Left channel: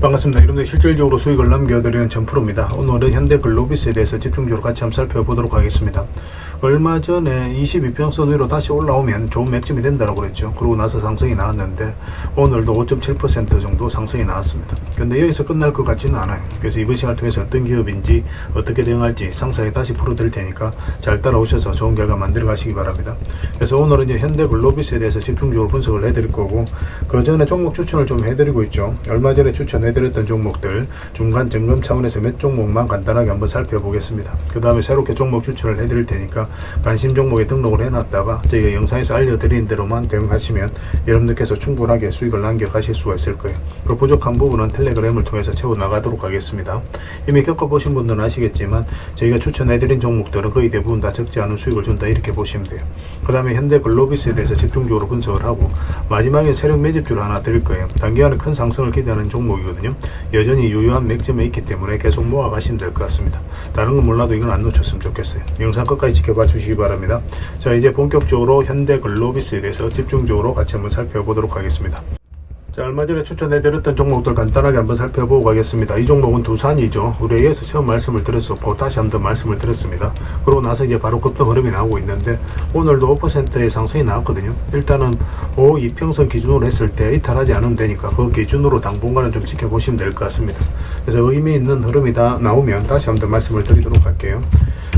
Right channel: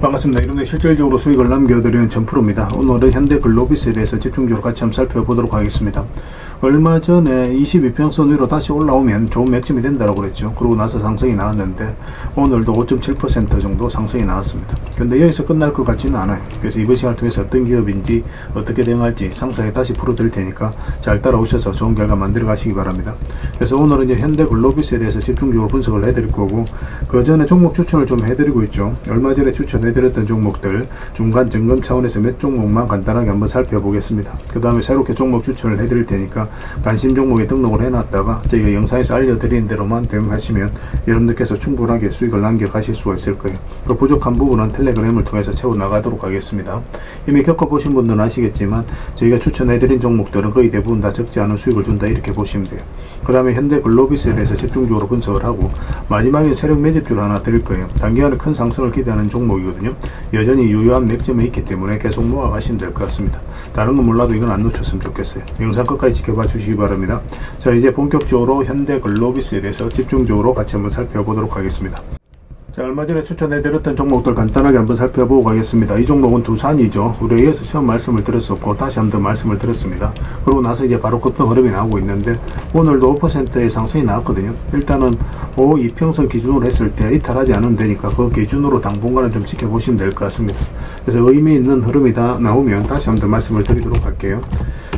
반갑습니다. 여러분들 실질적으로 수익을 남겨드리는 전프로입니다. 오늘은 현대글로비스에 대해서 집중적으로 같이 한번 살펴보도록 하겠습니다. 얼마 전에 22평선 위로 다시 올라오면 좋은 맥점이 된다고 그랬죠. 그러고 나서 상승이 나왔는데 오늘도 5.7% 정도 상승이 나왔습니다. 근데 여기서 끝날 것 같지는 않아요. 그래서 이번 시간을 통해서 어떤 기업인지 어떻게 대응할지 상세하게 다시 풀어드릴 테니까 잘 따라오셔서 좋은 결과 만들어 가시기 바랍니다. 그래서 오늘은 이제 현대글로비스에 대해서 집중적으로 분석을 해드릴 거고, 그 전에 종목 추천을 좀 해드리고 있죠. 얼마 전에 추천해드렸던 종목들 중간 점검 차원에서 몇 종목만 간단하게 한번 살펴보겠습니다. 그 다음에 새롭게 종목 추천을 해드릴 테니까 관심 종목에 등록을 해놨다가 저희가 영상에서 알려드린 대로만 대응하시면 여러분들께서 충분하게 수익을 남겨가실 수가 있을 거예요. 그 부족한 부분은 텔레그램을 통해서 채워나가도록 하겠습니다. 이미 겪어보신 분들은 아시겠지만 저희가 추천해드린 종목들은 거의 대부분 다 적지 않은 수익을 준다, 이렇게 보시면 돼요. 그 다음에 현대글로비스에 대해서 집중적으로 분석을 하고, 마지막에 세력 매집주를 하나 드릴 거예요. 단기간에 큰 상승을 기대하는 종목이거든요. 여전히 유효한 맥점에 있기 때문에 계속 모아가시면 될 것 같습니다. 다른 건 몰라도 이건 안 놓쳤으면 좋겠어요. 영상 끝까지 지켜봐 주시기 바랍니다. 자, 이제 본격적으로 현대글로비스에 대해서 집중적으로 같이 한번 살펴보도록 하겠습니다. 자, 얼마 전에 추천해드렸던 종목들 간단하게 한번 살펴보고 가겠습니다. 이 종목은 두산이죠. 우리 A에서 처음 말씀을 드렸었고 다시 한번 말씀을 드렸습니다. 그러고 나서 이제 바로 급등 흐름이 나오고 있는데 오늘도 5%의 상승이 나왔거든요. 일단은 5이평선 기준으로 했을 때 이탈하지 않으면 되니까 그 기준으로 당분간은 좀 지켜보시면 될 것 같습니다. 그래서 의미 있는 흐름이 다 나오면 다시 한번 말씀을 드리도록 할게요.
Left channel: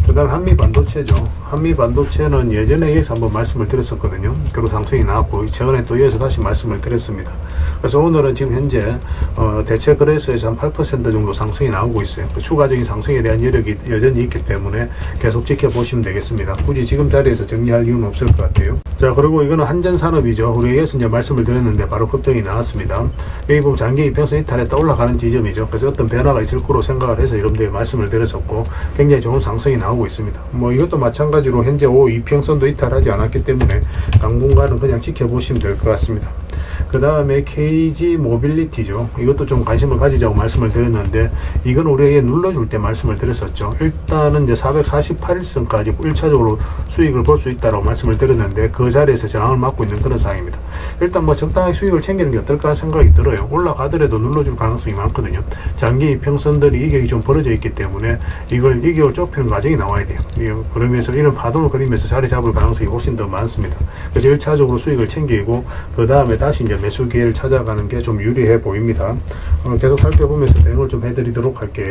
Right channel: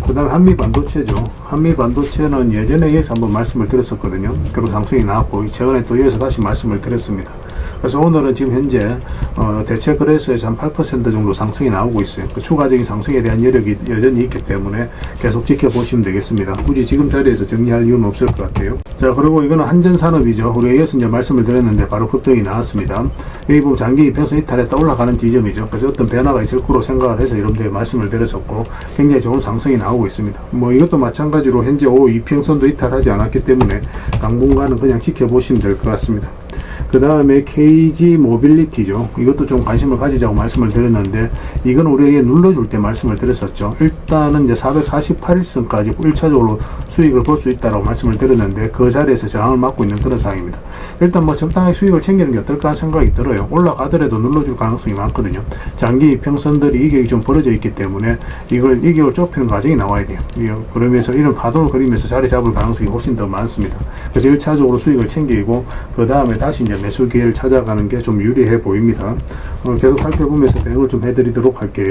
그 다음에 한미반도체죠. 한미반도체는 예전에 여기서 한번 말씀을 드렸었거든요. 그리고 상승이 나왔고 최근에 또 여기서 다시 말씀을 드렸습니다. 그래서 오늘은 지금 현재 대체 거래소에서 한 8% 정도 상승이 나오고 있어요. 그 추가적인 상승에 대한 여력이 여전히 있기 때문에 계속 지켜보시면 되겠습니다. 굳이 지금 자리에서 정리할 이유는 없을 것 같아요. 자, 그리고 이거는 한전산업이죠. 우리 여기서 이제 말씀을 드렸는데 바로 급등이 나왔습니다. 여기 보면 장기 이평선 이탈했다 올라가는 지점이죠. 그래서 어떤 변화가 있을 거로 생각을 해서 여러분들이 말씀을 드렸었고 굉장히 좋은 상승이 나오고 있습니다. 뭐 이것도 마찬가지로 현재 5이평선도 이탈하지 않았기 때문에 당분간은 그냥 지켜보시면 될 것 같습니다. 그 다음에 KG 모빌리티죠. 이것도 좀 관심을 가지자고 말씀을 드렸는데 이건 우리에게 눌러줄 때 말씀을 드렸었죠. 일단은 이제 448일선까지 1차적으로 수익을 볼 수 있다고 말씀을 드렸는데 그 자리에서 저항을 맞고 있는 그런 상황입니다. 일단 뭐 적당하게 수익을 챙기는 게 어떨까 생각이 들어요. 올라가더라도 눌러줄 가능성이 많거든요. 장기 평선들이 이격이 좀 벌어져 있기 때문에 이걸 이격을 좁히는 과정이 나와야 돼요. 그러면서 이런 파동을 그리면서 자리 잡을 가능성이 훨씬 더 많습니다. 그래서 1차적으로 수익을 챙기고 그 다음에 다시 이제 매수 기회를 찾아가는 게 좀 유리해 보입니다. 계속 살펴보면서 대응을 좀 해드리도록 할게요.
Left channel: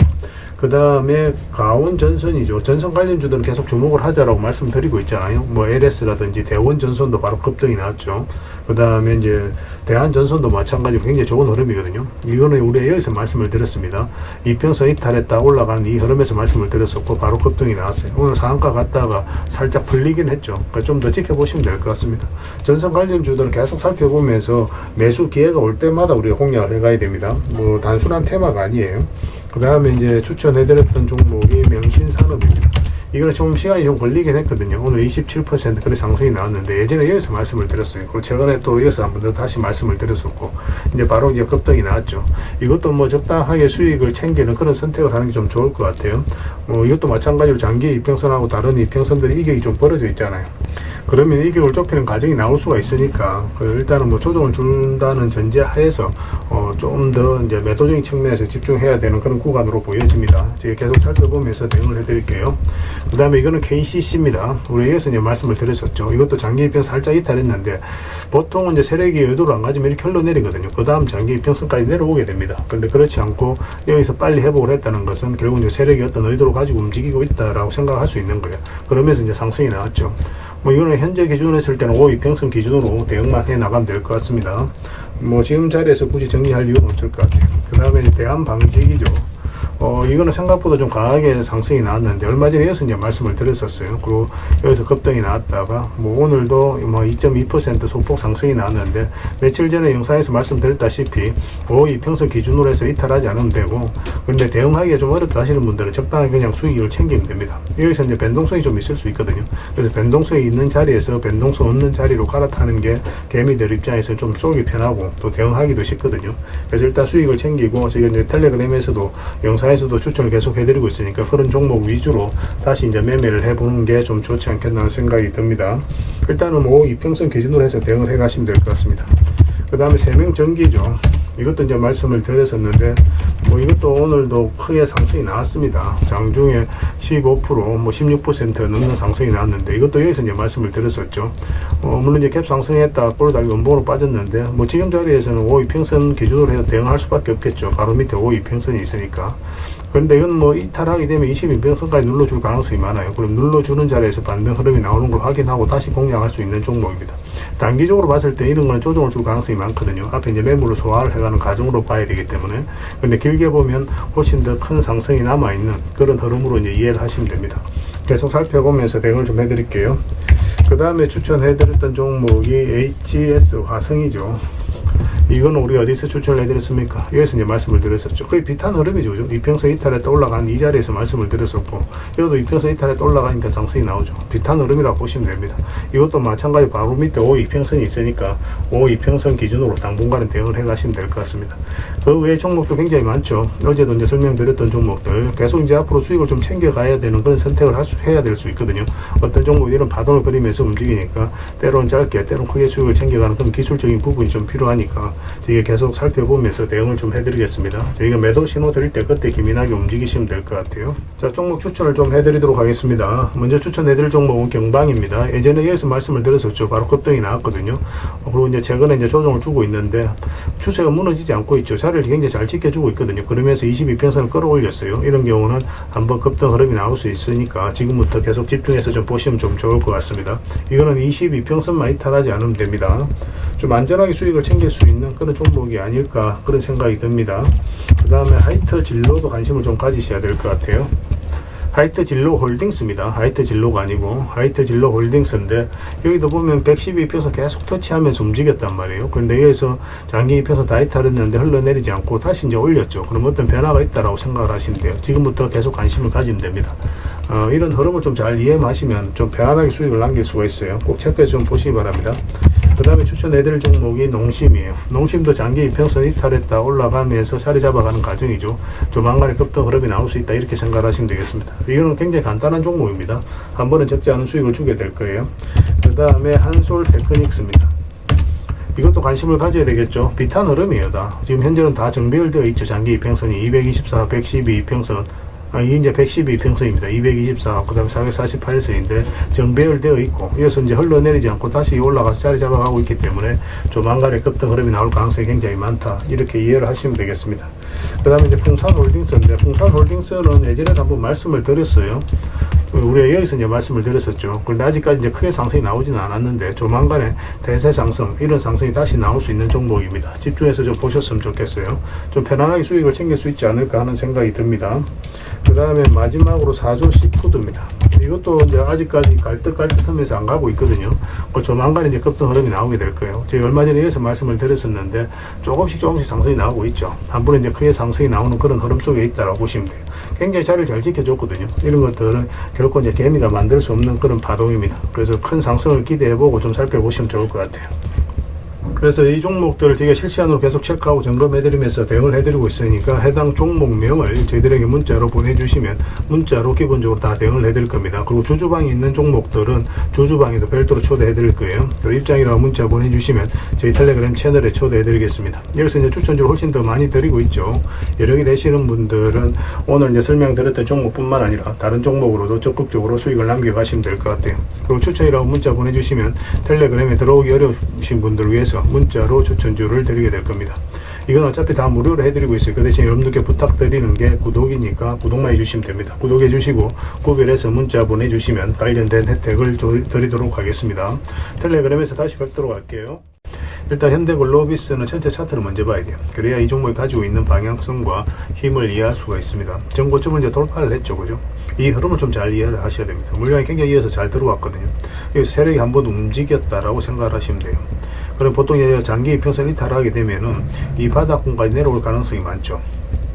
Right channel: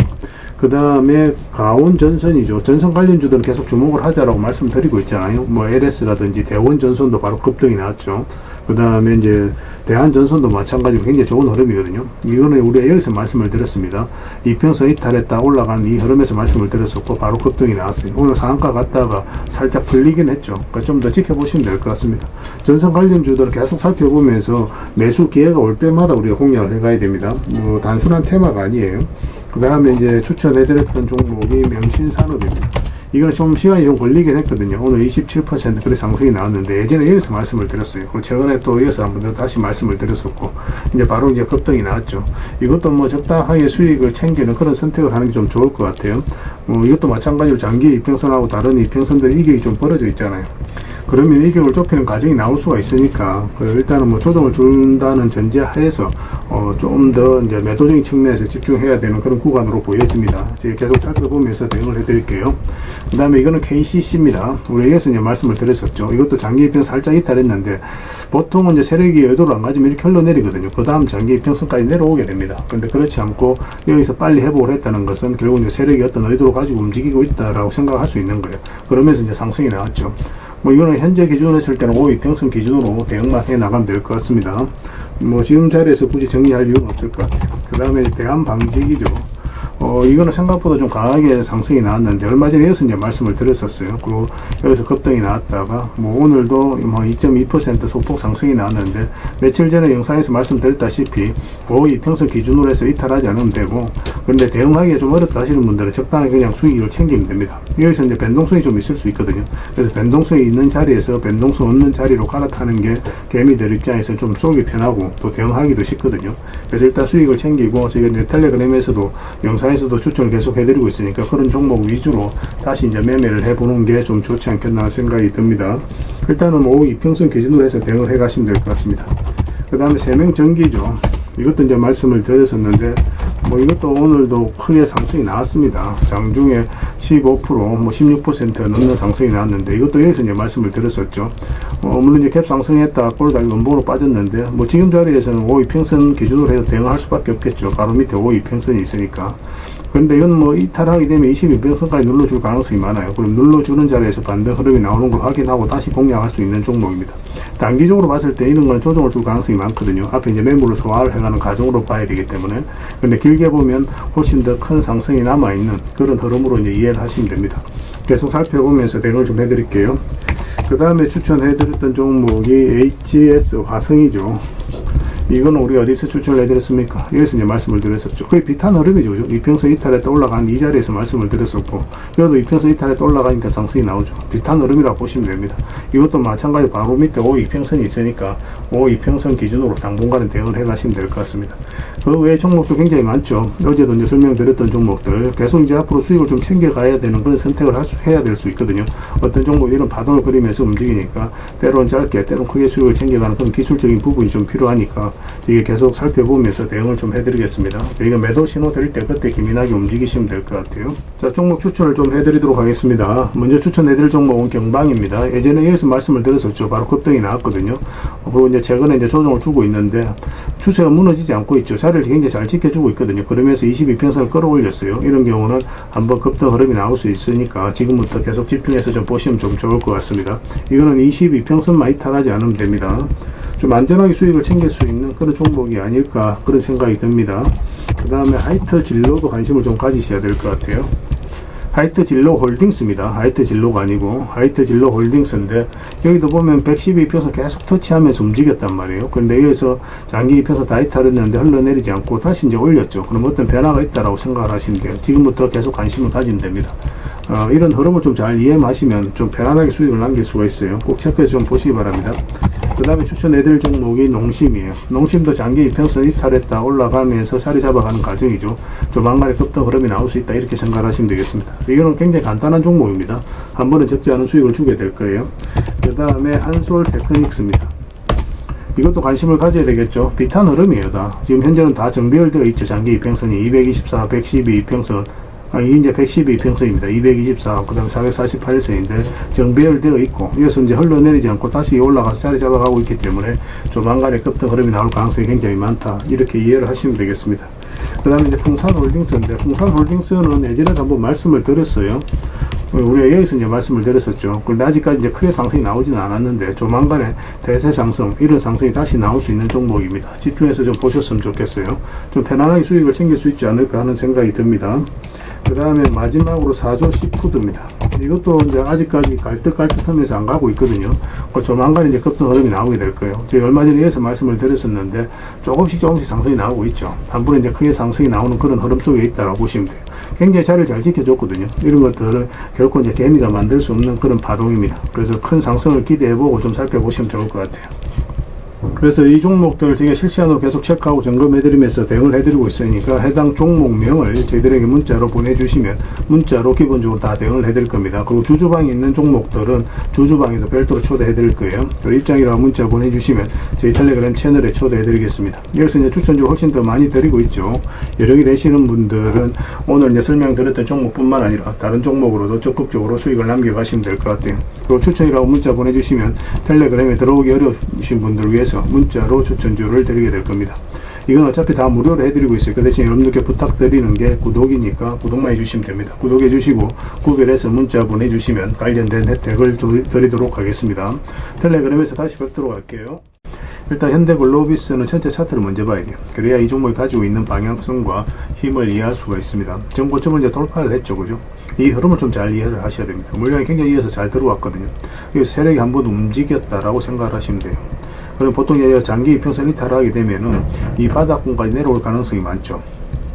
그 다음에 가온전선이죠. 전선 관련주들은 계속 주목을 하자라고 말씀드리고 있잖아요. 뭐 LS라든지 대원전선도 바로 급등이 나왔죠. 그 다음에 이제 대한전선도 마찬가지로 굉장히 좋은 흐름이거든요. 이거는 우리가 여기서 말씀을 드렸습니다. 이평선 이탈했다 올라가는 이 흐름에서 말씀을 드렸었고 바로 급등이 나왔어요. 오늘 상한가 갔다가 살짝 풀리긴 했죠. 그러니까 좀 더 지켜보시면 될 것 같습니다. 전선 관련주들을 계속 살펴보면서 매수 기회가 올 때마다 우리가 공략을 해가야 됩니다. 뭐 단순한 테마가 아니에요. 그 다음에 이제 추천해드렸던 종목이 명신산업입니다. 이거는 좀 시간이 좀 걸리긴 했거든요. 오늘 27% 그래 상승이 나왔는데 예전에 여기서 말씀을 드렸어요. 그리고 최근에 또 이어서 한번 더 다시 말씀을 드렸었고 이제 바로 이제 급등이 나왔죠. 이것도 뭐 적당하게 수익을 챙기는 그런 선택을 하는 게 좀 좋을 것 같아요. 뭐 이것도 마찬가지로 장기 이평선하고 다른 이평선들이 이격이 좀 벌어져 있잖아요. 그러면 이격을 좁히는 과정이 나올 수가 있으니까 일단은 뭐 조정을 준다는 전제하에서 좀 더 이제 매도적인 측면에서 집중해야 되는 그런 구간으로 보여집니다. 제가 계속 살펴보면서 대응을 해드릴게요. 그 다음에 이거는 KCC입니다. 우리 여기서 이제 말씀을 드렸었죠. 이것도 장기 이평 살짝 이탈했는데 보통은 이제 세력이 의도를 안 가지면 이렇게 흘러내리거든요. 그 다음 장기 이평선까지 내려오게 됩니다. 그런데 그렇지 않고 여기서 빨리 회복을 했다는 것은 결국 이제 세력이 어떤 의도를 가지고 움직이고 있다라고 생각할 수 있는 거예요. 그러면서 이제 상승이 나왔죠. 뭐 이거는 현재 기준으로 했을 때는 5이평선 기준으로 대응만 해 나가면 될 것 같습니다. 뭐 지금 자리에서 굳이 정리할 이유는 없을 것 같아요. 그 다음에 대한방직이죠. 이거는 생각보다 좀 강하게 상승이 나왔는데 얼마 전에 여기서 이제 말씀을 드렸었어요. 그리고 여기서 급등이 나왔다가 뭐 오늘도 뭐 2.2% 소폭 상승이 나왔는데 며칠 전에 영상에서 말씀드렸다시피 5이평선 기준으로 해서 이탈하지 않으면 되고, 그런데 대응하기가 좀 어렵다 하시는 분들은 적당하게 그냥 수익을 챙기면 됩니다. 여기서 이제 변동성이 좀 있을 수 있거든요. 그래서 변동성이 있는 자리에서 변동성 없는 자리로 갈아타는 게 개미들 입장에서 좀 쏘기 편하고 또 대응하기도 쉽거든요. 그래서 일단 수익을 챙기고 저희가 이제 텔레그램에서도 영상에서도 추천을 계속 해드리고 있으니까 그런 종목 위주로 다시 이제 매매를 해보는 게 좀 좋지 않겠나 생각이 듭니다. 일단은 5이평선 기준으로 해서 대응을 해 가시면 될 것 같습니다. 그 다음에 세명전기죠. 이것도 이제 말씀을 드렸었는데, 뭐 이것도 오늘도 크게 상승이 나왔습니다. 장중에 15%, 뭐 16% 넘는 상승이 나왔는데, 이것도 여기서 이제 말씀을 드렸었죠. 물론 이제 갭 상승했다 꼬르다리 원봉으로 빠졌는데, 뭐 지금 자리에서는 5이평선 기준으로 해서 대응할 수밖에 없겠죠. 바로 밑에 5이평선이 있으니까. 그런데 이건 뭐 이탈하게 되면 22평선까지 눌러줄 가능성이 많아요. 그럼 눌러주는 자리에서 반등 흐름이 나오는 걸 확인하고 다시 공략할 수 있는 종목입니다. 단기적으로 봤을 때 이런 거는 조정을 줄 가능성이 많거든요. 앞에 이제 매물을 소화를 해가는 과정으로 봐야 되기 때문에. 근데 길게 보면 훨씬 더 큰 상승이 남아있는 그런 흐름으로 이제 이해를 하시면 됩니다. 계속 살펴보면서 대응을 좀 해드릴게요. 그 다음에 추천해드렸던 종목이 HS 화성이죠. 이건 우리 어디서 추천을 해드렸습니까? 여기서 이제 말씀을 드렸었죠. 거의 비슷한 흐름이죠. 그죠? 이평선 이탈했다 올라간 이 자리에서 말씀을 드렸었고, 이것도 이평선 이탈했다 올라가니까 상승이 나오죠. 비슷한 흐름이라고 보시면 됩니다. 이것도 마찬가지 바로 밑에 5이평선이 있으니까 5이평선 기준으로 당분간은 대응을 해가시면 될 것 같습니다. 그 외에 종목도 굉장히 많죠. 어제도 이제 설명드렸던 종목들 계속 이제 앞으로 수익을 좀 챙겨가야 되는 그런 선택을 해야 될 수 있거든요. 어떤 종목 이런 파동을 그리면서 움직이니까 때로는 짧게 때로는 크게 수익을 챙겨가는 그런 기술적인 부분이 좀 필요하니까 이게 계속 살펴보면서 대응을 좀 해드리겠습니다. 저희가 매도 신호 드릴 때 그때 기민하게 움직이시면 될 것 같아요. 자, 종목 추천을 좀 해드리도록 하겠습니다. 먼저 추천해드릴 종목은 경방입니다. 예전에 여기서 말씀을 드렸었죠. 바로 급등이 나왔거든요. 그리고 이제 최근에 이제 조정을 주고 있는데 추세가 무너지지 않고 있죠. 자리를 굉장히 잘 지켜주고 있거든요. 그러면서 22평선을 끌어올렸어요. 이런 경우는 한번 급등 흐름이 나올 수 있으니까 지금부터 계속 집중해서 좀 보시면 좀 좋을 것 같습니다. 이거는 22평선만 이탈하지 않으면 됩니다. 좀 안전하게 수익을 챙길 수 있는 그런 종목이 아닐까 그런 생각이 듭니다. 그 다음에 하이트 진로도 관심을 좀 가지셔야 될 것 같아요. 하이트 진로 홀딩스입니다. 하이트 진로가 아니고 하이트 진로 홀딩스인데 여기도 보면 112평선 계속 터치하면서 움직였단 말이에요. 그런데 여기서 장기 평선 다 이탈했는데 흘러내리지 않고 다시 이제 올렸죠. 그럼 어떤 변화가 있다라고 생각을 하시면 돼요. 지금부터 계속 관심을 가지면 됩니다. 이런 흐름을 좀 잘 이해하시면 좀 편안하게 수익을 남길 수가 있어요. 꼭 체크해서 좀 보시기 바랍니다. 그 다음에 추천해드릴 종목이 농심이에요. 농심도 장기 이평선 이탈했다 올라가면서 자리 잡아가는 과정이죠. 조만간에 급등 흐름이 나올 수 있다 이렇게 생각하시면 되겠습니다. 이거는 굉장히 간단한 종목입니다. 한 번은 적지 않은 수익을 주게 될 거예요. 그 다음에 한솔 테크닉스입니다. 이것도 관심을 가져야 되겠죠. 비슷한 흐름이에요. 다 지금 현재는 다 정배열되어 있죠. 장기 이평선이 224, 112 이평선, 이게 이제 112평선입니다. 224, 그 다음에 448선인데 정배열되어 있고, 이어서 이제 흘러내리지 않고 다시 올라가서 자리 잡아가고 있기 때문에 조만간에 급등 흐름이 나올 가능성이 굉장히 많다. 이렇게 이해를 하시면 되겠습니다. 그 다음에 이제 풍산홀딩스인데, 풍산홀딩스는 예전에도 한번 말씀을 드렸어요. 우리가 여기서 이제 말씀을 드렸었죠. 그런데 아직까지 이제 크게 상승이 나오지는 않았는데 조만간에 대세 상승, 이런 상승이 다시 나올 수 있는 종목입니다. 집중해서 좀 보셨으면 좋겠어요. 좀 편안하게 수익을 챙길 수 있지 않을까 하는 생각이 듭니다. 그 다음에 마지막으로 4조 시푸드입니다. 이것도 이제 아직까지 갈듯갈듯 하면서 안 가고 있거든요. 조만간 이제 급등 흐름이 나오게 될 거예요. 제가 얼마 전에 여기서 말씀을 드렸었는데 조금씩 상승이 나오고 있죠. 한 번에 이제 크게 상승이 나오는 그런 흐름 속에 있다고 보시면 돼요. 굉장히 자리를 잘 지켜줬거든요. 이런 것들은 결코 이제 개미가 만들 수 없는 그런 파동입니다. 그래서 큰 상승을 기대해보고 좀 살펴보시면 좋을 것 같아요. 그래서 이 종목들을 제가 실시간으로 계속 체크하고 점검해드리면서 대응을 해드리고 있으니까 해당 종목명을 저희들에게 문자로 보내주시면 문자로 기본적으로 다 대응을 해드릴 겁니다. 그리고 주주방에 있는 종목들은 주주방에도 별도로 초대해드릴 거예요. 또 입장이라고 문자 보내주시면 저희 텔레그램 채널에 초대해드리겠습니다. 여기서 이제 추천주를 훨씬 더 많이 드리고 있죠. 여력이 되시는 분들은 오늘 이제 설명드렸던 종목뿐만 아니라 다른 종목으로도 적극적으로 수익을 남겨가시면 될 것 같아요. 그리고 추천이라고 문자 보내주시면 텔레그램에 들어오기 어려우신 분들을 위해서 문자로 추천주를 드리게 될 겁니다. 이건 어차피 다 무료로 해드리고 있어요. 그 대신 여러분들께 부탁드리는 게 구독이니까 구독만 해주시면 됩니다. 구독해 주시고 구별해서 문자 보내주시면 관련된 혜택을 드리도록 하겠습니다. 텔레그램에서 다시 뵙도록 할게요. 일단 현대글로비스는 전체 차트를 먼저 봐야 돼요. 그래야 이 종목이 가지고 있는 방향성과 힘을 이해할 수가 있습니다. 전고점을 이제 돌파를 했죠. 그죠? 이 흐름을 좀 잘 이해를 하셔야 됩니다. 물량이 굉장히 이어서 잘 들어왔거든요. 여기서 세력이 한번 움직였다라고 생각을 하시면 돼요. 그럼 보통 장기 이평선 이탈하게 되면은 이 바닥권까지 내려올 가능성이 많죠.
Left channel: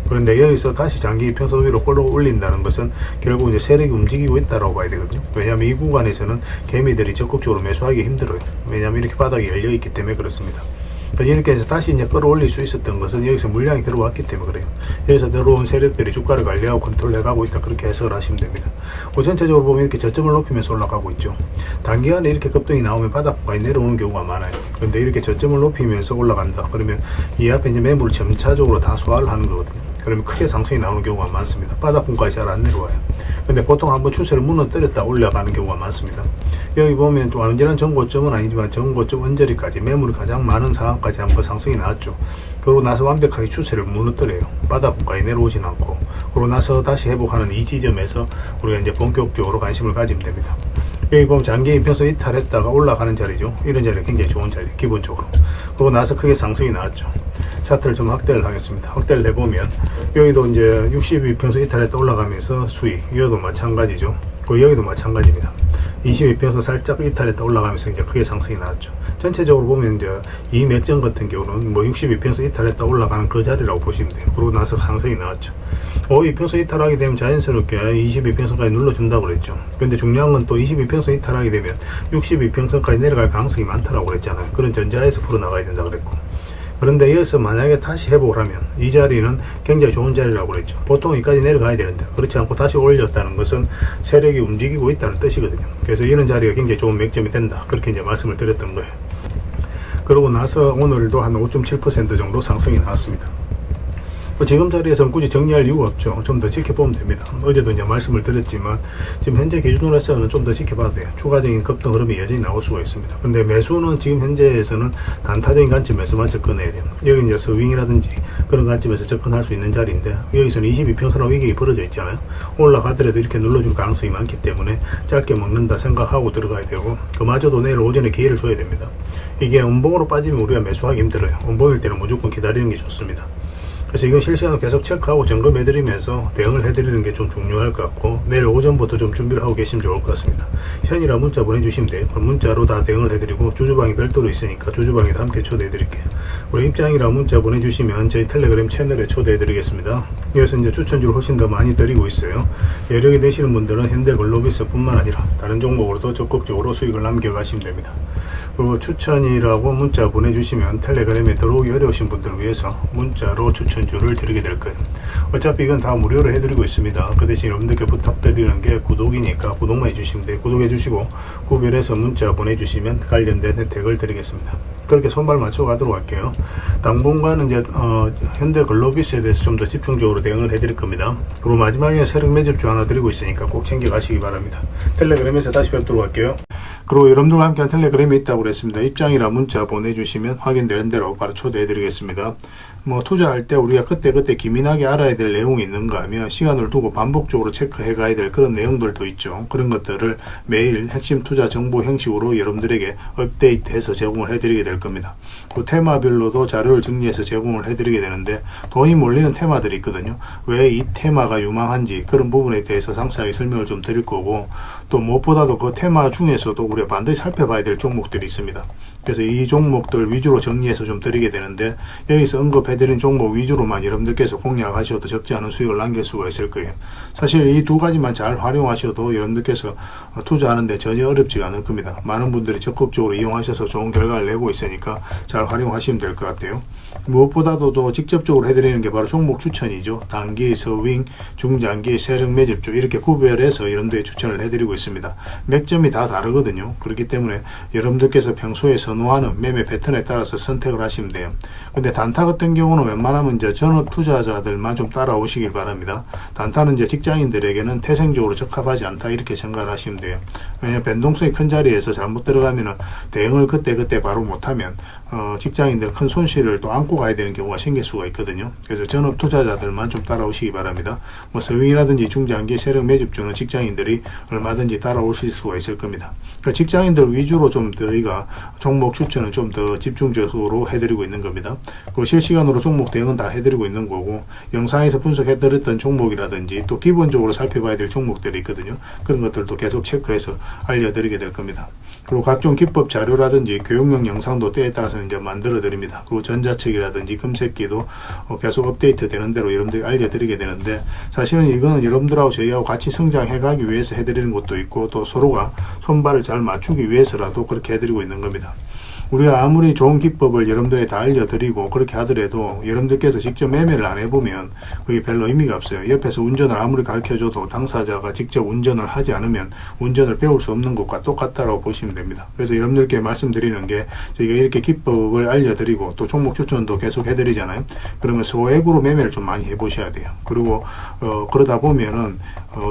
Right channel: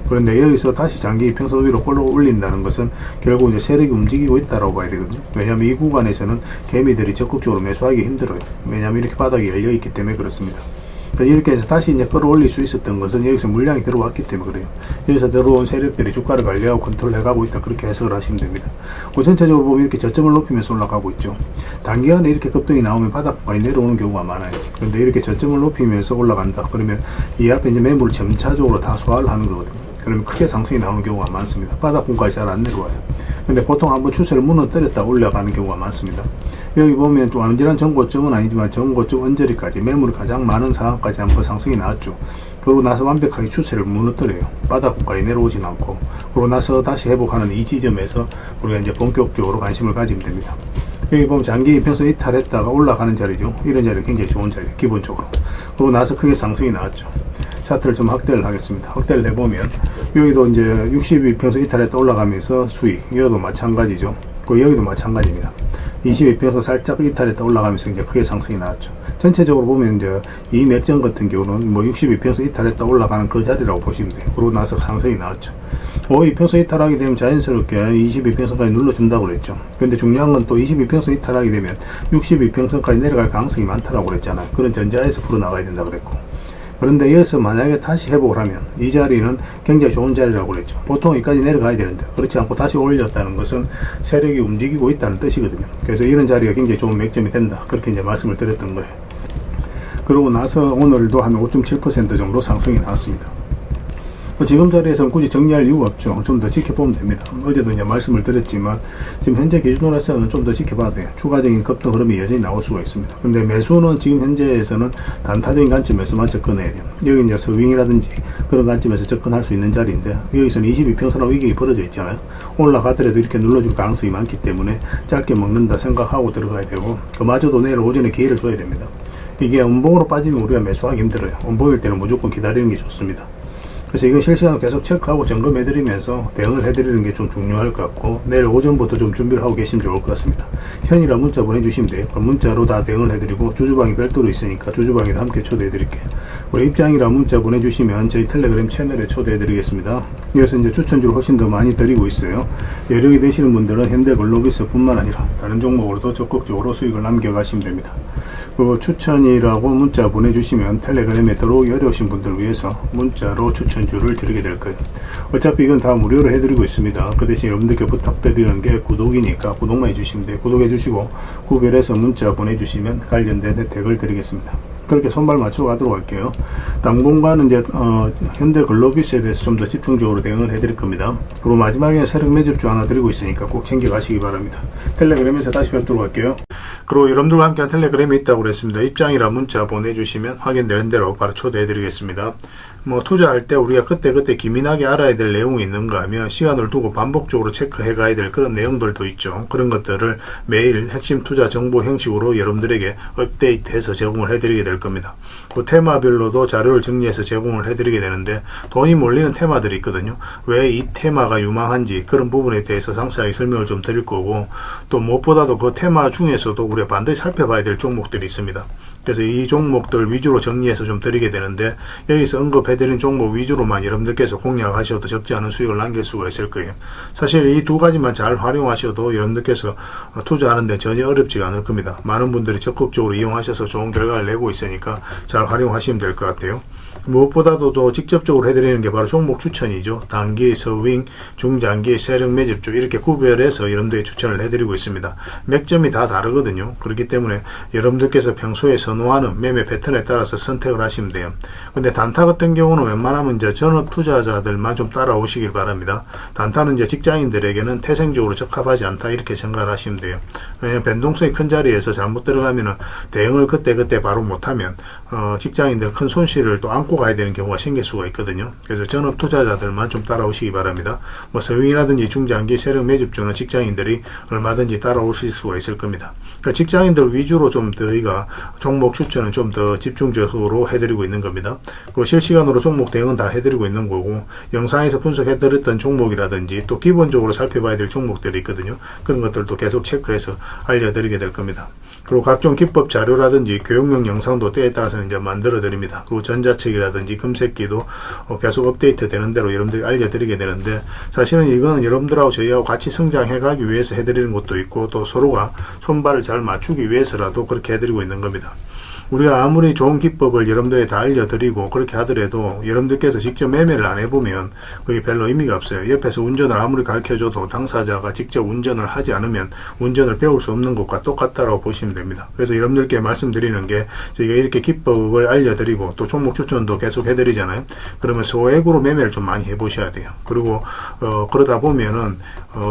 그런데 여기서 다시 장기 이평선 위로 끌어올린다는 것은 결국 이제 세력이 움직이고 있다고 봐야 되거든요. 왜냐하면 이 구간에서는 개미들이 적극적으로 매수하기 힘들어요. 왜냐하면 이렇게 바닥이 열려 있기 때문에 그렇습니다. 이렇게 해서 다시 이제 끌어올릴 수 있었던 것은 여기서 물량이 들어왔기 때문에 그래요. 여기서 들어온 세력들이 주가를 관리하고 컨트롤해가고 있다, 그렇게 해석을 하시면 됩니다. 전체적으로 보면 이렇게 저점을 높이면서 올라가고 있죠. 단기간에 이렇게 급등이 나오면 바닥까지 내려오는 경우가 많아요. 근데 이렇게 저점을 높이면서 올라간다 그러면 이 앞에 이제 매물을 점차적으로 다 소화를 하는 거거든요. 그러면 크게 상승이 나오는 경우가 많습니다. 바닥권까지 잘 안 내려와요. 근데 보통 한번 추세를 무너뜨렸다 올라가는 경우가 많습니다. 여기 보면 또 완전한 전고점은 아니지만 전고점 언저리까지 매물이 가장 많은 상황까지 한번 상승이 나왔죠. 그러고 나서 완벽하게 추세를 무너뜨려요. 바닥권까지 내려오진 않고, 그러고 나서 다시 회복하는 이 지점에서 우리가 이제 본격적으로 관심을 가지면 됩니다. 여기 보면 장기 이평선 이탈했다가 올라가는 자리죠. 이런 자리 굉장히 좋은 자리, 기본적으로. 그러고 나서 크게 상승이 나왔죠. 차트를 좀 확대를 하겠습니다. 확대를 해보면 여기도 이제 62평선 이탈했다 올라가면서 수익, 여기도 마찬가지죠. 여기도 마찬가지입니다. 22평선 살짝 이탈했다 올라가면서 이제 크게 상승이 나왔죠. 전체적으로 보면 이제 이 맥점 같은 경우는 뭐 62평선 이탈했다 올라가는 그 자리라고 보시면 돼요. 그러고 나서 상승이 나왔죠. 52평선 이탈하게 되면 자연스럽게 22평선까지 눌러준다고 그랬죠. 근데 중요한 건 또 22평선 이탈하게 되면 62평선까지 내려갈 가능성이 많다라고 그랬잖아요. 그런 전자에서 풀어나가야 된다 그랬고. 그런데 여기서 만약에 다시 회복을 하면 이 자리는 굉장히 좋은 자리라고 그랬죠. 보통 여기까지 내려가야 되는데 그렇지 않고 다시 올렸다는 것은 세력이 움직이고 있다는 뜻이거든요. 그래서 이런 자리가 굉장히 좋은 맥점이 된다, 그렇게 이제 말씀을 드렸던 거예요. 그러고 나서 오늘도 한 5.7% 정도 상승이 나왔습니다. 지금 자리에서는 굳이 정리할 이유가 없죠. 좀 더 지켜보면 됩니다. 어제도 이제 말씀을 드렸지만 지금 현재 기준으로 해서는 좀 더 지켜봐야 돼요. 추가적인 급등 흐름이 여전히 나올 수가 있습니다. 근데 매수는 지금 현재에서는 단타적인 관점에서만 접근해야 돼요. 여기 이제 서윙이라든지 그런 관점에서 접근할 수 있는 자리인데, 여기서는 22평선하고 위격이 벌어져 있잖아요. 올라가더라도 이렇게 눌러줄 가능성이 많기 때문에 짧게 먹는다 생각하고 들어가야 되고, 그마저도 내일 오전에 기회를 줘야 됩니다. 이게 음봉으로 빠지면 우리가 매수하기 힘들어요. 음봉일 때는 무조건 기다리는 게 좋습니다. 그래서 이건 실시간으로 계속 체크하고 점검해드리면서 대응을 해드리는 게 좀 중요할 것 같고, 내일 오전부터 좀 준비를 하고 계시면 좋을 것 같습니다. 현이라 문자 보내주시면 돼요. 문자로 다 대응을 해드리고, 주주방이 별도로 있으니까 주주방에도 함께 초대해드릴게요. 우리 입장이라 문자 보내주시면 저희 텔레그램 채널에 초대해드리겠습니다. 여기서 이제 추천주를 훨씬 더 많이 드리고 있어요. 여력이 되시는 분들은 현대글로비스 뿐만 아니라 다른 종목으로도 적극적으로 수익을 남겨가시면 됩니다. 그리고 추천이라고 문자 보내주시면 텔레그램에 들어오기 어려우신 분들을 위해서 문자로 추천주를 드리게 될 거예요. 어차피 이건 다 무료로 해드리고 있습니다. 그 대신 여러분들께 부탁드리는 게 구독이니까 구독만 해주시면 돼요. 구독해 주시고 구별해서 문자 보내주시면 관련된 혜택을 드리겠습니다. 그렇게 손발 맞춰 가도록 할게요. 당분간은 이제 현대글로비스에 대해서 좀 더 집중적으로 대응을 해드릴 겁니다. 그리고 마지막에 세력 매집주 하나 드리고 있으니까 꼭 챙겨 가시기 바랍니다. 텔레그램에서 다시 뵙도록 할게요. 그리고 여러분들과 함께 텔레그램에 있다고 그랬습니다. 입장이라 문자 보내주시면 확인되는 대로 바로 초대해 드리겠습니다. 뭐 투자할 때 우리가 그때그때 기민하게 알아야 될 내용이 있는가 하면 시간을 두고 반복적으로 체크해 가야 될 그런 내용들도 있죠. 그런 것들을 매일 핵심 투자 정보 형식으로 여러분들에게 업데이트해서 제공을 해드리게 될 겁니다. 그 테마별로도 자료를 정리해서 제공을 해드리게 되는데, 돈이 몰리는 테마들이 있거든요. 왜 이 테마가 유망한지 그런 부분에 대해서 상세하게 설명을 좀 드릴 거고, 또 무엇보다도 그 테마 중에서도 우리가 반드시 살펴봐야 될 종목들이 있습니다. 그래서 이 종목들 위주로 정리해서 좀 드리게 되는데, 여기서 언급해드린 종목 위주로만 여러분들께서 공략하셔도 적지 않은 수익을 남길 수가 있을 거예요. 사실 이 두 가지만 잘 활용하셔도 여러분들께서 투자하는데 전혀 어렵지가 않을 겁니다. 많은 분들이 적극적으로 이용하셔서 좋은 결과를 내고 있으니까 잘 활용하시면 될 것 같아요. 무엇보다도 또 직접적으로 해드리는 게 바로 종목 추천이죠. 단기, 서윙, 중장기, 세력 매집주 이렇게 구별해서 여러분들이 추천을 해드리고 있습니다. 맥점이 다 다르거든요. 그렇기 때문에 여러분들께서 평소에 선호하는 매매 패턴에 따라서 선택을 하시면 돼요. 근데 단타 같은 경우는 웬만하면 이제 전업 투자자들만 좀 따라오시길 바랍니다. 단타는 이제 직장인들에게는 태생적으로 적합하지 않다, 이렇게 생각을 하시면 돼요. 왜냐하면 변동성이 큰 자리에서 잘못 들어가면은 대응을 그때 바로 못하면 직장인들 큰 손실을 또 안고 가야 되는 경우가 생길 수가 있거든요. 그래서 전업 투자자들만 좀 따라오시기 바랍니다. 뭐 서윙이라든지 중장기 세력 매집주는 직장인들이 얼마든지 따라오실 수가 있을 겁니다. 그러니까 직장인들 위주로 좀 저희가 종목 추천은 좀 더 집중적으로 해드리고 있는 겁니다. 그리고 실시간으로 종목 대응은 다 해드리고 있는 거고, 영상에서 분석해드렸던 종목이라든지 또 기본적으로 살펴봐야 될 종목들이 있거든요. 그런 것들도 계속 체크해서 알려드리게 될 겁니다. 그리고 각종 기법 자료라든지 교육용 영상도 때에 따라서는 이제 만들어 드립니다. 그리고 전자책이라든지 금색기도 계속 업데이트 되는 대로 여러분들이 알려드리게 되는데, 사실은 이거는 여러분들하고 저희하고 같이 성장해 가기 위해서 해드리는 것도 있고, 또 서로가 손발을 잘 맞추기 위해서라도 그렇게 해드리고 있는 겁니다. 우리가 아무리 좋은 기법을 여러분들이 다 알려드리고 그렇게 하더라도 여러분들께서 직접 매매를 안 해보면 그게 별로 의미가 없어요. 옆에서 운전을 아무리 가르쳐줘도 당사자가 직접 운전을 하지 않으면 운전을 배울 수 없는 것과 똑같다고 보시면 됩니다. 그래서 여러분들께 말씀드리는 게 저희가 이렇게 기법을 알려드리고 또 종목 추천도 계속 해드리잖아요. 그러면 소액으로 매매를 좀 많이 해보셔야 돼요. 그리고 그러다 보면은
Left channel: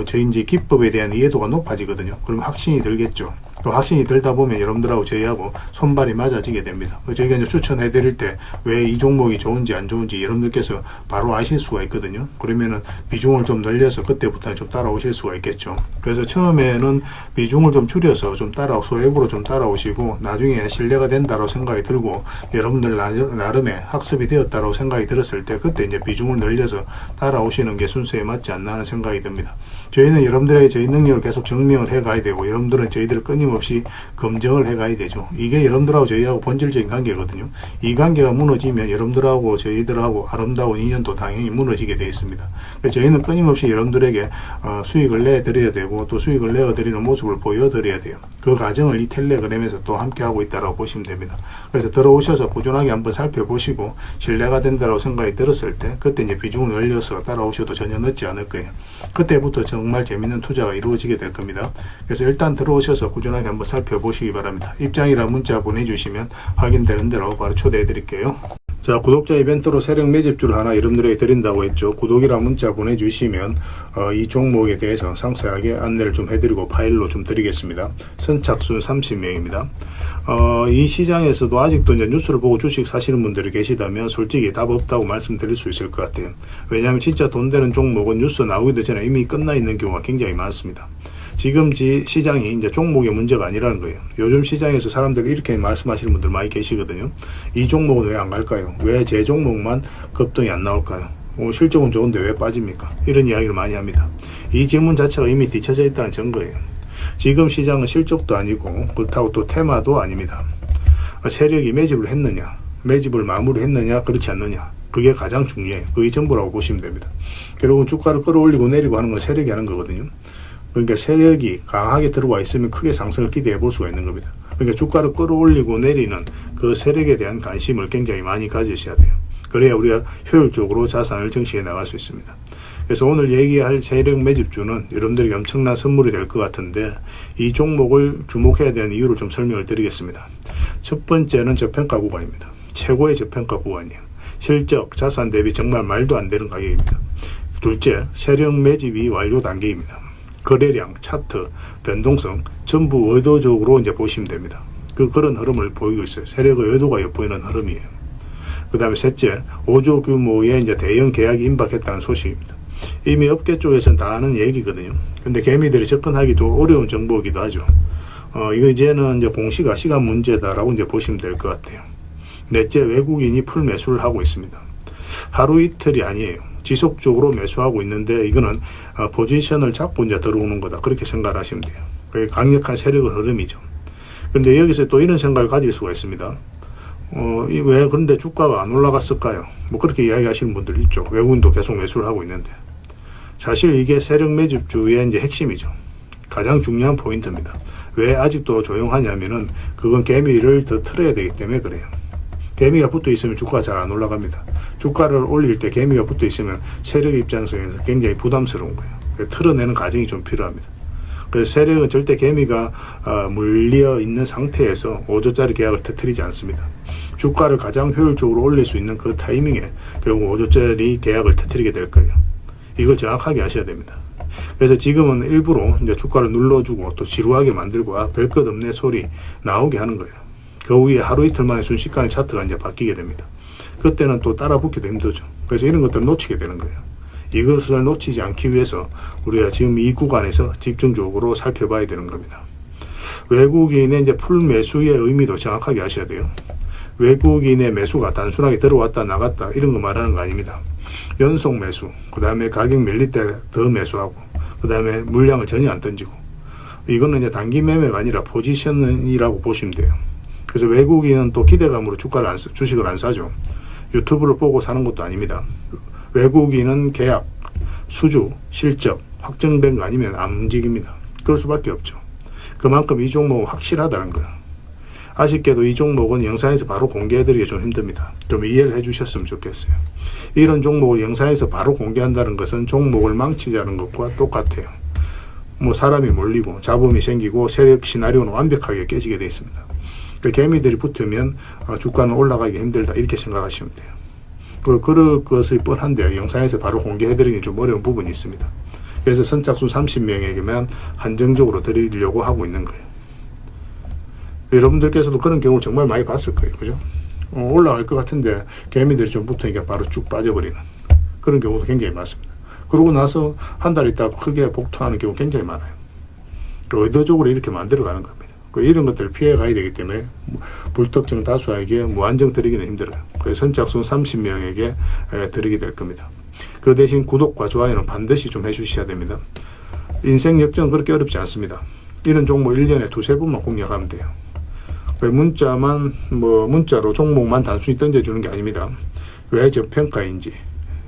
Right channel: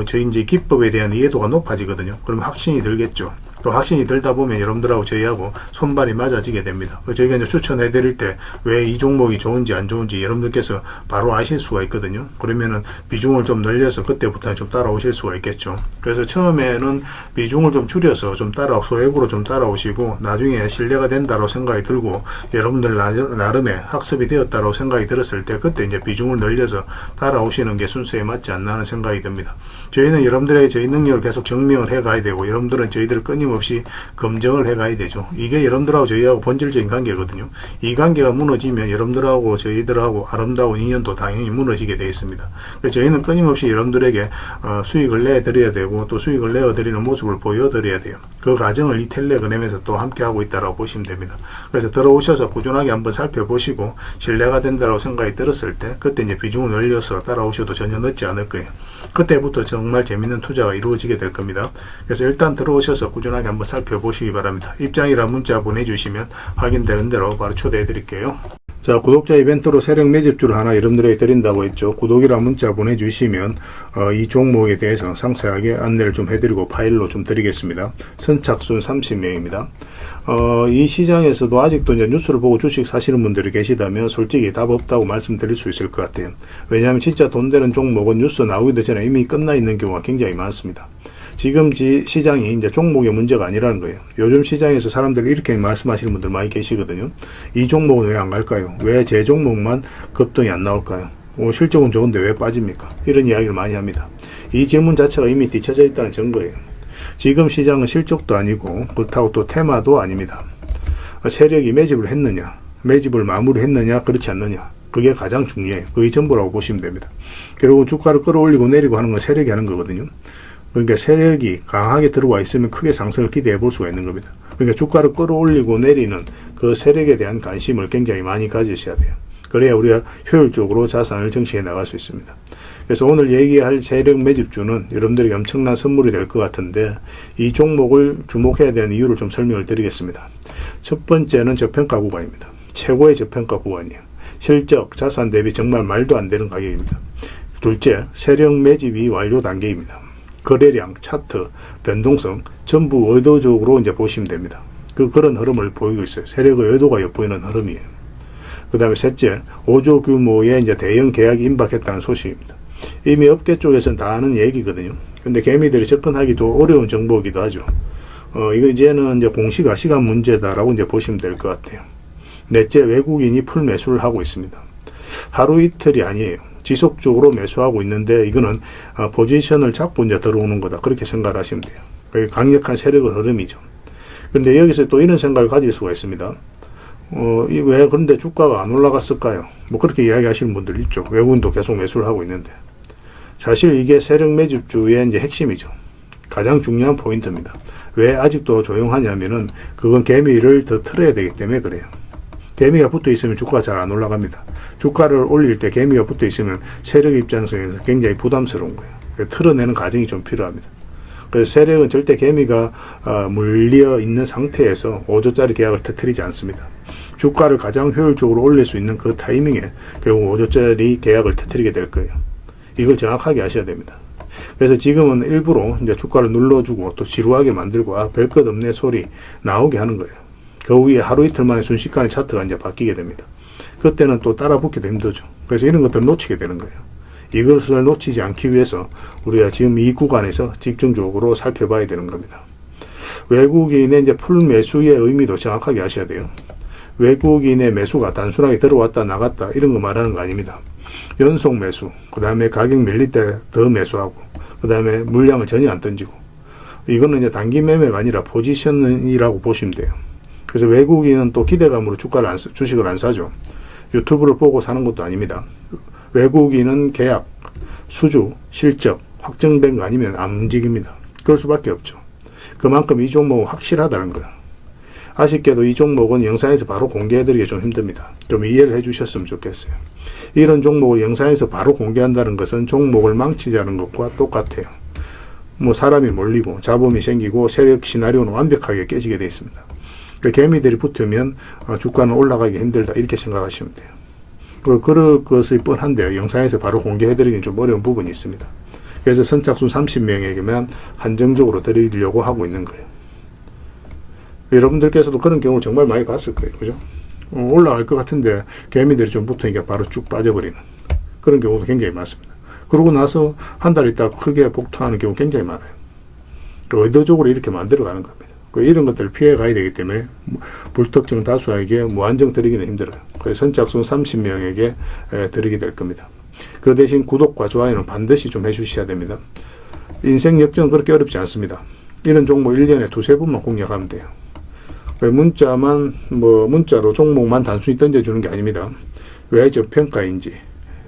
저희 이제 기법에 대한 이해도가 높아지거든요. 그러면 확신이 들겠죠. 또 확신이 들다 보면 여러분들하고 저희하고 손발이 맞아지게 됩니다. 저희가 이제 추천해 드릴 때 왜 이 종목이 좋은지 안 좋은지 여러분들께서 바로 아실 수가 있거든요. 그러면은 비중을 좀 늘려서 그때부터 좀 따라오실 수가 있겠죠. 그래서 처음에는 비중을 좀 줄여서 좀 소액으로 좀 따라오시고 나중에 신뢰가 된다고 생각이 들고 여러분들 나름의 학습이 되었다고 생각이 들었을 때 그때 이제 비중을 늘려서 따라오시는 게 순서에 맞지 않나 하는 생각이 듭니다. 저희는 여러분들에게 저희 능력을 계속 증명을 해 가야 되고 여러분들은 저희들을 끊임없이 검증을 해 가야 되죠. 이게 여러분들하고 저희하고 본질적인 관계거든요. 이 관계가 무너지면 여러분들하고 저희들하고 아름다운 인연도 당연히 무너지게 되어 있습니다. 그래서 저희는 끊임없이 여러분들에게 수익을 내드려야 되고 또 수익을 내어드리는 모습을 보여드려야 돼요. 그 과정을 이 텔레그램에서 또 함께 하고 있다고 보시면 됩니다. 그래서 들어오셔서 꾸준하게 한번 살펴보시고 신뢰가 된다고 생각이 들었을 때 그때 이제 비중을 늘려서 따라오셔도 전혀 늦지 않을 거예요. 그때부터 정말 재밌는 투자가 이루어지게 될 겁니다. 그래서 일단 들어오셔서 꾸준하게 한번 살펴보시기 바랍니다. 입장이라 문자 보내주시면 확인되는 대로 바로 초대해 드릴게요. 자, 구독자 이벤트로 세력 매집주를 하나 여러분들에게 드린다고 했죠. 구독이라 문자 보내주시면 이 종목에 대해서 상세하게 안내를 좀 해드리고 파일로 좀 드리겠습니다. 선착순 30명입니다. 이 시장에서도 아직도 이제 뉴스를 보고 주식 사시는 분들이 계시다면 솔직히 답 없다고 말씀드릴 수 있을 것 같아요. 왜냐하면 진짜 돈 되는 종목은 뉴스 나오기도 전에 이미 끝나 있는 경우가 굉장히 많습니다. 지금 시장이 이제 종목의 문제가 아니라는 거예요. 요즘 시장에서 사람들이 이렇게 말씀하시는 분들 많이 계시거든요. 이 종목은 왜 안 갈까요? 왜 제 종목만 급등이 안 나올까요? 실적은 좋은데 왜 빠집니까? 이런 이야기를 많이 합니다. 이 질문 자체가 이미 뒤쳐져 있다는 증거예요. 지금 시장은 실적도 아니고 그렇다고 또 테마도 아닙니다. 세력이 매집을 했느냐, 매집을 마무리했느냐, 그렇지 않느냐, 그게 가장 중요해요. 그게 전부라고 보시면 됩니다. 결국은 주가를 끌어올리고 내리고 하는 건 세력이 하는 거거든요. 그러니까 세력이 강하게 들어와 있으면 크게 상승을 기대해 볼 수가 있는 겁니다. 그러니까 주가를 끌어올리고 내리는 그 세력에 대한 관심을 굉장히 많이 가지셔야 돼요. 그래야 우리가 효율적으로 자산을 증식해 나갈 수 있습니다. 그래서 오늘 얘기할 세력 매집주는 여러분들에게 엄청난 선물이 될 것 같은데 이 종목을 주목해야 되는 이유를 좀 설명을 드리겠습니다. 첫 번째는 저평가 구간입니다. 최고의 저평가 구간이에요. 실적, 자산 대비 정말 말도 안 되는 가격입니다. 둘째, 세력 매집이 완료 단계입니다. 거래량, 차트, 변동성 전부 의도적으로 이제 보시면 됩니다. 그런 흐름을 보이고 있어요. 세력의 의도가 엿보이는 흐름이에요. 그 다음에 셋째, 5조 규모의 이제 대형 계약이 임박했다는 소식입니다. 이미 업계 쪽에서는 다 아는 얘기거든요. 근데 개미들이 접근하기도 어려운 정보이기도 하죠. 이거 이제는 이제 공시가 시간 문제다라고 이제 보시면 될 것 같아요. 넷째, 외국인이 풀 매수를 하고 있습니다. 하루 이틀이 아니에요. 지속적으로 매수하고 있는데 이거는 포지션을 잡고 이제 들어오는 거다. 그렇게 생각을 하시면 돼요. 그게 강력한 세력의 흐름이죠. 그런데 여기서 또 이런 생각을 가질 수가 있습니다. 왜 그런데 주가가 안 올라갔을까요? 뭐 그렇게 이야기하시는 분들 있죠. 외국인도 계속 매수를 하고 있는데 사실 이게 세력 매집주의 이제 핵심이죠. 가장 중요한 포인트입니다. 왜 아직도 조용하냐면은 그건 개미를 더 틀어야 되기 때문에 그래요. 개미가 붙어 있으면 주가가 잘 안 올라갑니다. 주가를 올릴 때 개미가 붙어 있으면 세력 입장에서 굉장히 부담스러운 거예요. 틀어내는 과정이 좀 필요합니다. 그래서 세력은 절대 개미가 물려 있는 상태에서 5조짜리 계약을 터뜨리지 않습니다. 주가를 가장 효율적으로 올릴 수 있는 그 타이밍에 결국 5조짜리 계약을 터뜨리게 될 거예요. 이걸 정확하게 아셔야 됩니다. 그래서 지금은 일부러 이제 주가를 눌러주고 또 지루하게 만들고 별 것 없네 소리 나오게 하는 거예요. 그 후에 하루 이틀 만에 순식간에 차트가 이제 바뀌게 됩니다. 그때는 또 따라 붙기도 힘들죠. 그래서 이런 것들을 놓치게 되는 거예요. 이것을 놓치지 않기 위해서 우리가 지금 이 구간에서 집중적으로 살펴봐야 되는 겁니다. 외국인의 이제 풀 매수의 의미도 정확하게 아셔야 돼요. 외국인의 매수가 단순하게 들어왔다 나갔다 이런 거 말하는 거 아닙니다. 연속 매수, 그 다음에 가격 밀릴 때 더 매수하고, 그 다음에 물량을 전혀 안 던지고, 이거는 이제 단기 매매가 아니라 포지션이라고 보시면 돼요. 그래서 외국인은 또 기대감으로 주식을 안 사죠. 유튜브를 보고 사는 것도 아닙니다. 외국인은 계약, 수주, 실적 확정된 거 아니면 안 움직입니다. 그럴 수밖에 없죠. 그만큼 이 종목은 확실하다는 거예요. 아쉽게도 이 종목은 영상에서 바로 공개해드리기 좀 힘듭니다. 좀 이해를 해주셨으면 좋겠어요. 이런 종목을 영상에서 바로 공개한다는 것은 종목을 망치자는 것과 똑같아요. 뭐 사람이 몰리고 자본이 생기고 세력 시나리오는 완벽하게 깨지게 되어 있습니다. 그러니까 개미들이 붙으면 주가는 올라가기 힘들다 이렇게 생각하시면 돼요. 그럴 것이 뻔한데요. 영상에서 바로 공개해드리기는 좀 어려운 부분이 있습니다. 그래서 선착순 30명에게만 한정적으로 드리려고 하고 있는 거예요. 여러분들께서도 그런 경우를 정말 많이 봤을 거예요. 그죠? 올라갈 것 같은데 개미들이 좀 붙으니까 바로 쭉 빠져버리는 그런 경우도 굉장히 많습니다. 그러고 나서 한 달 있다가 크게 복토하는 경우 굉장히 많아요. 의도적으로 이렇게 만들어가는 겁니다. 이런 것들을 피해 가야 되기 때문에 불특정 다수에게 무한정 드리기는 힘들어요. 그래서 선착순 30명에게 드리게 될 겁니다. 그 대신 구독과 좋아요는 반드시 좀 해주셔야 됩니다. 인생 역전은 그렇게 어렵지 않습니다. 이런 종목 1년에 두세 번만 공략하면 돼요. 문자로 종목만 단순히 던져주는 게 아닙니다. 왜 저평가인지,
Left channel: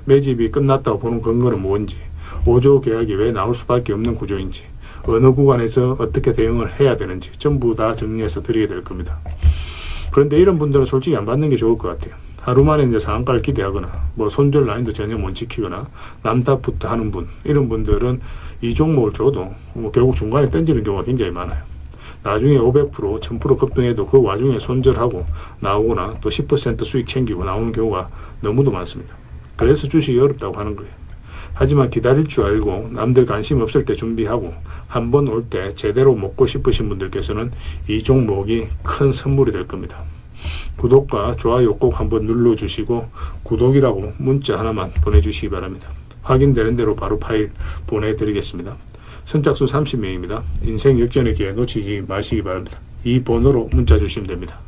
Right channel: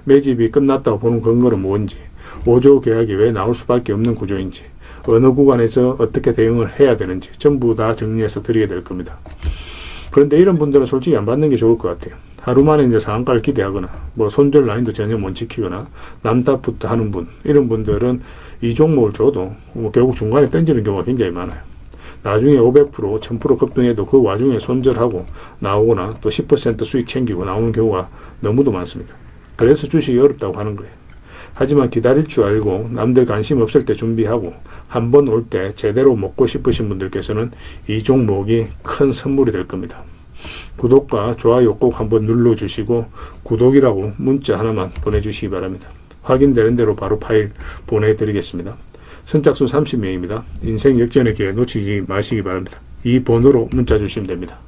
매집이 끝났다고 보는 근거는 뭔지, 5조 계약이 왜 나올 수밖에 없는 구조인지, 어느 구간에서 어떻게 대응을 해야 되는지 전부 다 정리해서 드리게 될 겁니다. 그런데 이런 분들은 솔직히 안 받는 게 좋을 것 같아요. 하루 만에 이제 상한가를 기대하거나 손절 라인도 전혀 못 지키거나 남탓부터 하는 분, 이런 분들은 이 종목을 줘도 결국 중간에 던지는 경우가 굉장히 많아요. 나중에 500%, 1000% 급등해도 그 와중에 손절하고 나오거나 또 10% 수익 챙기고 나오는 경우가 너무도 많습니다. 그래서 주식이 어렵다고 하는 거예요. 하지만 기다릴 줄 알고 남들 관심 없을 때 준비하고 한 번 올 때 제대로 먹고 싶으신 분들께서는 이 종목이 큰 선물이 될 겁니다. 구독과 좋아요 꼭 한번 눌러주시고 구독이라고 문자 하나만 보내주시기 바랍니다. 확인되는 대로 바로 파일 보내드리겠습니다. 선착순 30명입니다. 인생 역전의 기회 놓치지 마시기 바랍니다. 이 번호로 문자 주시면 됩니다.